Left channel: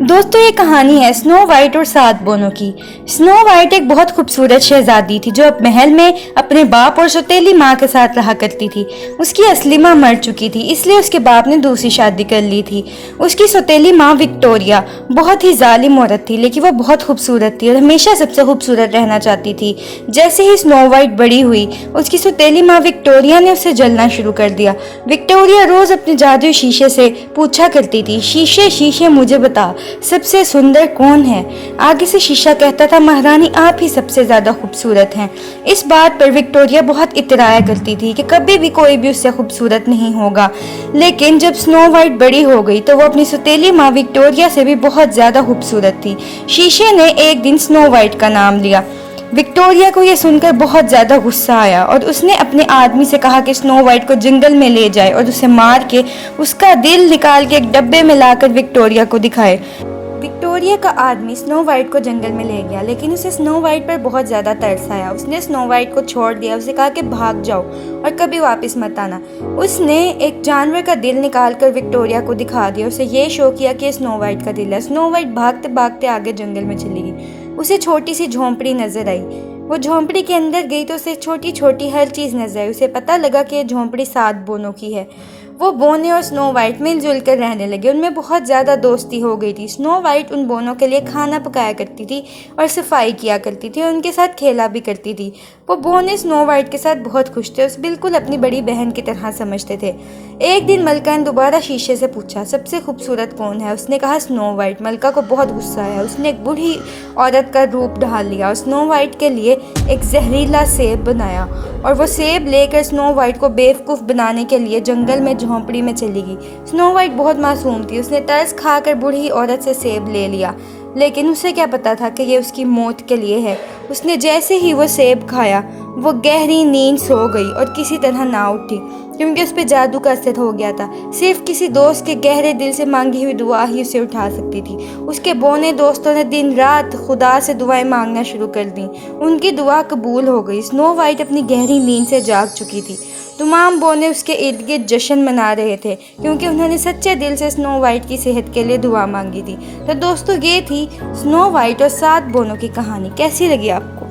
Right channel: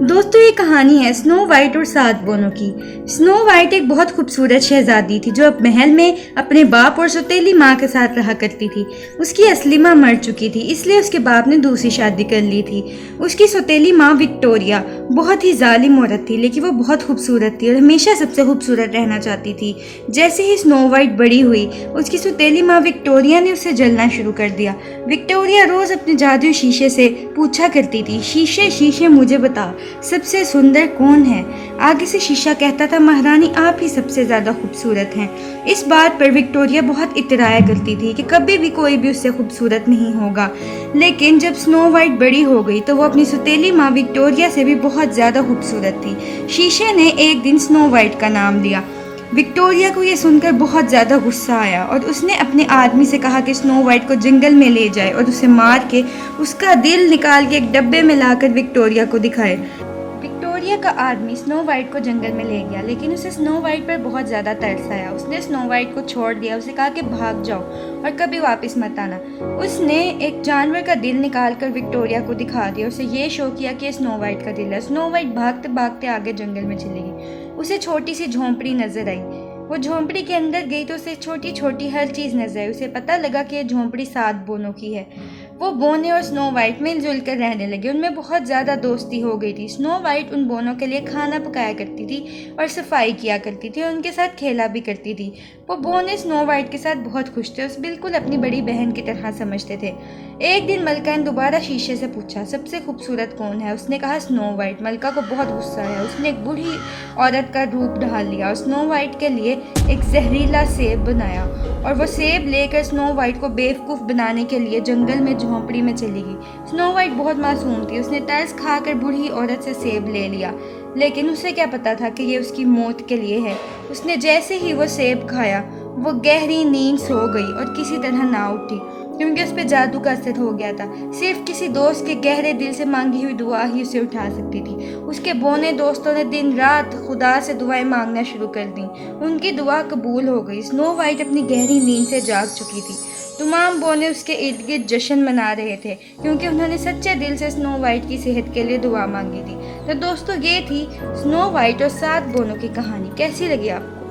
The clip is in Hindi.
दोस्तों ये कहानी है स्नो वाइट और 7 बोनों की। स्नो वाइट एक बहुत खूबसूरत शहजादी थी जो महल में अपने बाप और सौतेली माँ के साथ रहा करती थी। उसकी असली माँ मर चुकी थी, इसलिए उसके बाप ने दूसरी शादी कर ली थी। उसकी सौतेली माँ विक्टोरिया बहुत ही जालिम औरत थी, लेकिन वो बहुत खूबसूरत थी और हमेशा सबसे खूबसूरत रहना चाहती थी। जैसे ही स्नो वाइट बड़ी हुई, उसकी सौतेली माँ विक्टोरिया ने उसे जलना शुरू कर दिया। विक्टोरिया रोज अपने जादुई शीशे से पूछा करती थी, शीशे शीशे मुझे बता सबसे सुंदर कौन है। आगे से शीशा कहता था, महारानी आप ही सबसे ज्यादा खूबसूरत हैं। इस बात पर विक्टोरिया बहुत इतराया करती थी कि कभी भी कोई भी उससे खूबसूरत नहीं होगा। लेकिन जब स्नो वाइट बड़ी हो गई तो वो अपनी सौतेली माँ विक्टोरिया से भी बहुत ज्यादा खूबसूरत थी। शीशे ने एक दिन स्नो वाइट का नाम लिया। विक्टोरिया को यह सुनकर बहुत ज्यादा गुस्सा आया और उसने अपने आदमी से कहा कि स्नो वाइट को जंगल में ले जाए और उसे मार के उसका दिल निकाल के एक डब्बे में लाकर विक्टोरिया को दिखाए। विक्टोरिया का आदमी स्नो वाइट को जंगल में ले गया, लेकिन उसे स्नो वाइट पर बहुत ज़्यादा तरस आया। उसने स्नो वाइट को छोड़ दिया, उसे कहा कि भाग जाओ और कभी वापस मत आना। उसने एक जानवर का दिल निकाल कर विक्टोरिया को दिखा दिया। उसे ये शो किया कि स्नो वाइट का दिल है। स्नो वाइट भागते भागते आगे जंगल में चली गई। उसे छोटी सी झोंपड़ी नजर आई। वो झोंपड़ी के अंदर गई तो उसे छोटी छोटी हर चीज़ नजर आई। उसे पता लगा कि ये झोंपड़ी 7 बोनों की है। वो बोने और स्नो वाइट मिलजुल कर रहने लगे। उनमें बहुत ज़्यादा दोस्ती हो गई थी। स्नो वाइट उन बोनों के लिए खाना पकाया करती थी और सफाई किया करती थी और उनके साथ खेला भी करती थी। वो बोने स्नो वाइट के साथ बहुत खुश थे, उसे बिल्कुल अपनी बड़ी बहन की तरह समझते थे। एक दिन मलका ने दोबारा शीशे से पूछा, सबसे खूबसूरत कौन है? उसने कहा स्नो वाइट। मलका को बहुत गुस्सा आया। उसने एक बूढ़ी औरत का रूप ढाल लिया और स्नो वाइट के लिए एक जहरीला सेब बनाया और वो सेब लेकर स्नो वाइट को बेवकूफ़ बनाने के लिए जंगल में झोंपड़ी में चली गई। स्नो वाइट बहुत मासूम थी। उसने तरस खाकर बूढ़ी औरत से सेब ले लिया, लेकिन उसे क्या पता था कि ये उसकी मौत के लिए है। उसने जैसे ही वो सेब खाया, वो गहरी नींद सो गई और किसी तरह ना उठी, क्योंकि उस पर जादू का असर हो गया था। सिर्फ किसी दोस्त के गहरे दिल से मांगी हुई दुआ ही उसे उठा सकती थी। उसके बोने दोस्तों ने दिन रात खुदा से दुआएं मांगना शुरू कर दी। उनकी दुआ कबूल हो गई। स्नो वाइट अपनी गहरी नींद से जाग चुकी थी। तमाम बोने उसके इर्द गिर्द जश्न मना रहे थे, क्योंकि उन्होंने सच्चे दिल से स्नो वाइट की सेहत के लिए दुआ मांगी थी। तो दोस्तों, ये थी स्नो वाइट और 7 बोनों की कहानी। कैसी लगी आपको?